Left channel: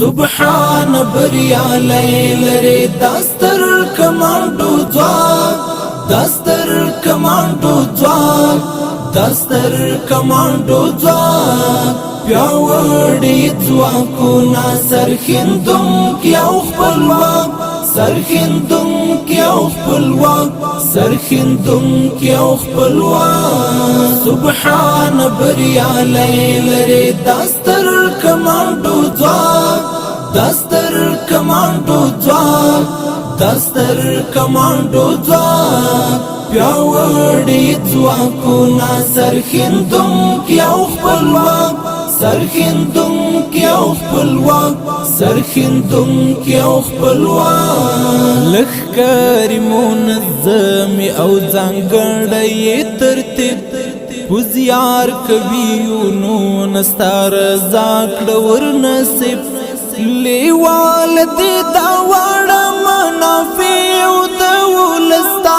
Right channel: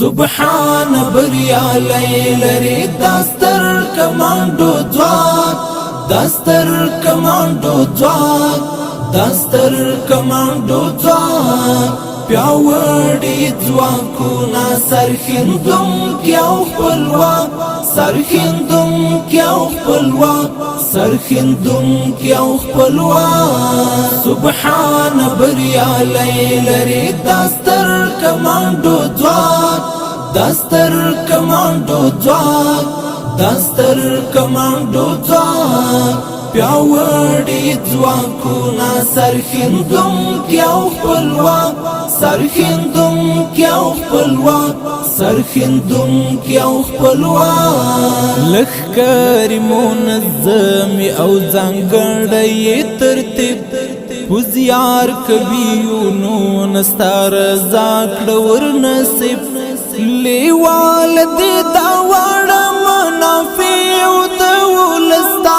سبحان بریا لری داستر کمانډو ځواک داستر کمانډو ځواک داستر کمانډو ځواک پیاوړي ځواکونه سرښندونکي او خپلواک سرښندونکي او خپلواک سرښندونکي او خپلواک سبحان بریا لری داستر کمانډو ځواک داستر کمانډو ځواک داستر کمانډو ځواک پیاوړي ځواکونه سرښندونکي او خپلواک سرښندونکي او خپلواک سرښندونکي او خپلواک لښکرې منظم او ځانګړی ترتیب پوزیار کوي نو نستا رضا کړه ورنصیب لیوال دې دا واړه منافع د ولستا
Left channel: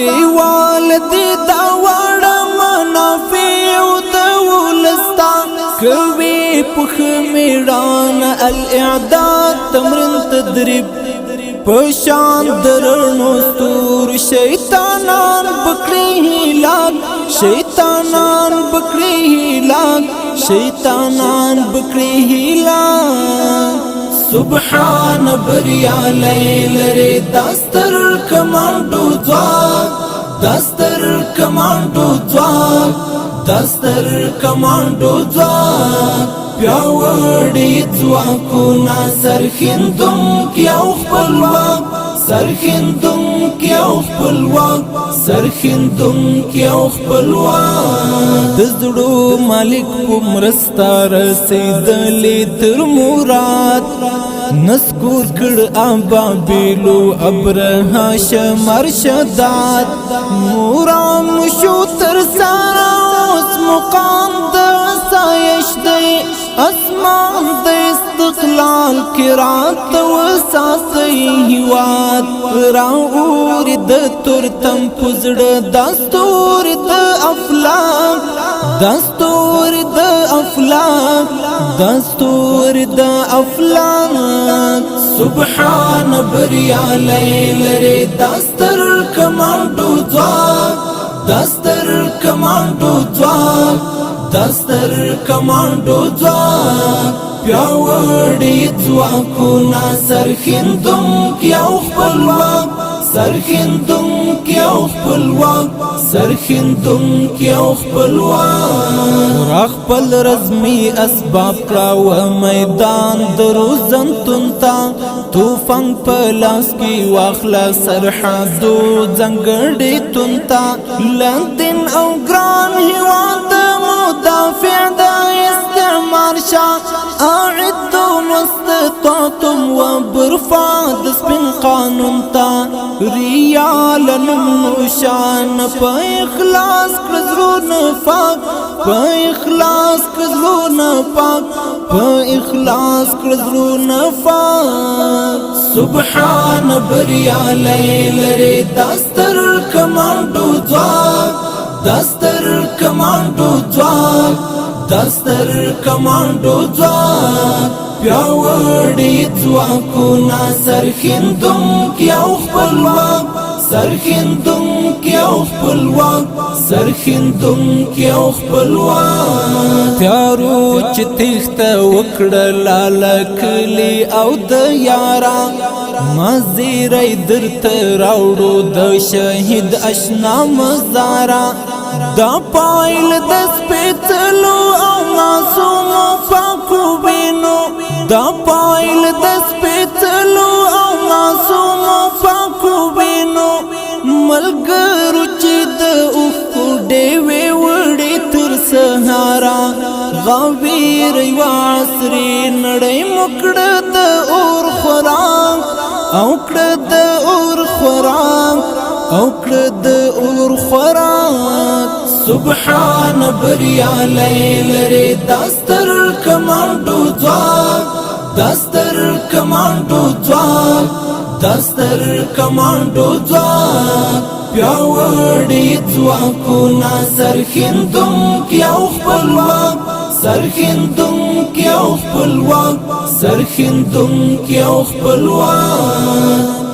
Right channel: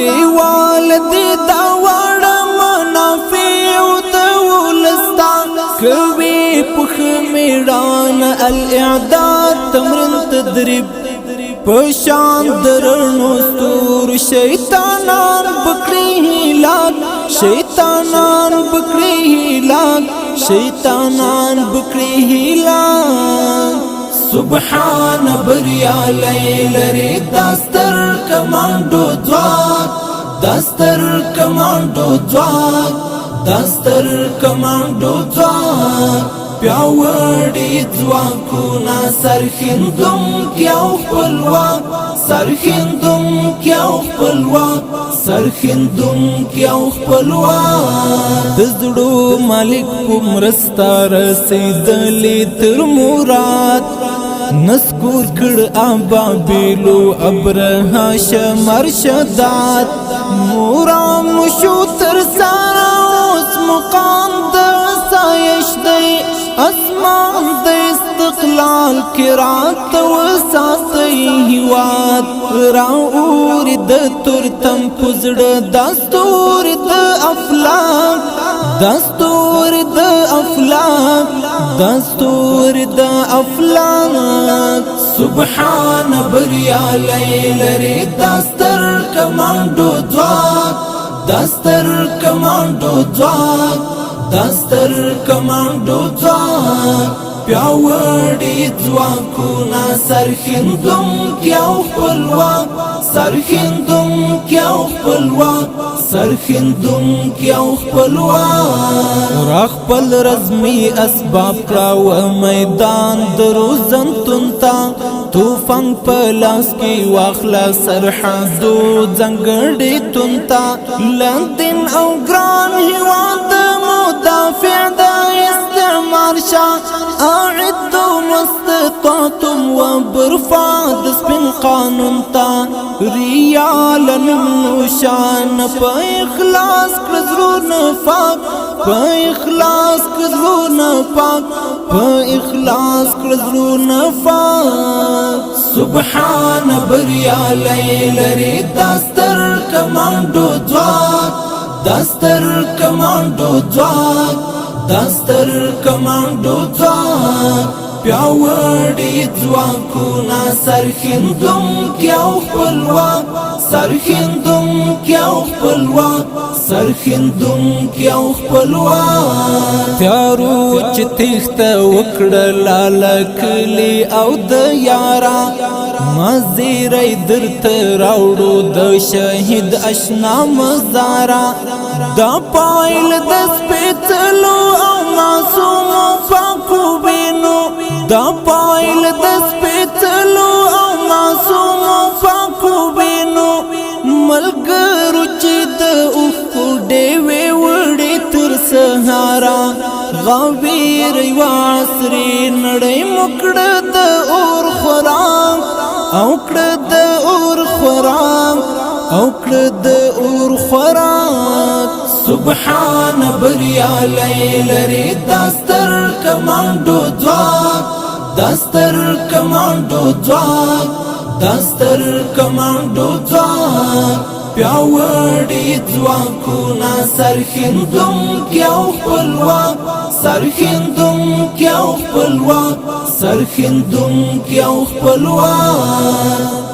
لیوال دې دا واړه منافع د ولستا کوي پخ میړان الاعداد تمرین تدریب پشان درنو ستور شیطانان بکړي هلاک شیطانان بکړي هلاک شیطانان بکړي هلاک سبحان بریا لری داستر کمانډو ځواک داستر کمانډو ځواک داستر کمانډو ځواک پیاوړي ځواکونه سرښندونکي او خپلواک سرښندونکي او خپلواک سرښندونکي او خپلواک د زړو مالک په مرسته رسېدلې تر مراد نسکور کړ ابابیلو ابرها شمرشدات مورام شو تر سارا اوس مقام د سایش دی اسمان د استقلال کرات وساتي هواد راور د ترتم پزړه دستور د افلاک دستور د افلاک دستور د افلاک سبحان بریا لری داستر کمانډو ځواک داستر کمانډو ځواک داستر کمانډو ځواک پیاوړي ځواکونه سرښندونکي او خپلواک سرښندونکي او خپلواک سرښندونکي او خپلواک راخپل رزمي اسباب کړه میدان دروزنتون تا طوفان په لاس کې واخلا سرحدو ځنګړې تونتا لندن او ګران هیواد مدافع د استعمار شاه اعدوا ما استطعتم وبرفاد سپین قانون تا ریال نموشان په اخلاص کړزرونه پاک په اخلاص کړزرونه پاک په اخلاص کړزرونه پاک سبحان بریا لری داستر کمانډو ځواک داستر کمانډو ځواک داستر کمانډو ځواک پیاوړي ځواکونه سرښندونکي او خپلواک سرښندونکي او خپلواک سرښندونکي او خپلواک تیارو چې تخته وکړه لالکلی او د یارا مزیرای درته راوړو د شهید اشنا مزارا دا پایل د سپېڅلو او معصومو پاکو وینو دا پایل د سپېڅلو او معصومو پاکو وینو ملګرو چې د اوښکو ډېوې وړې تر سهارا غویر یو عصري نړۍ مو کړه د اور خوراک او کړه د اور خوراک او کړه د اور خوراک سبحان بریا لری داستر کمانډو ځواک داستر کمانډو ځواک داستر کمانډو ځواک پیاوړي ځواکونه سرښندونکي او خپلواک سرښندونکي کی او خپلواک سرخندون کی او خپلواک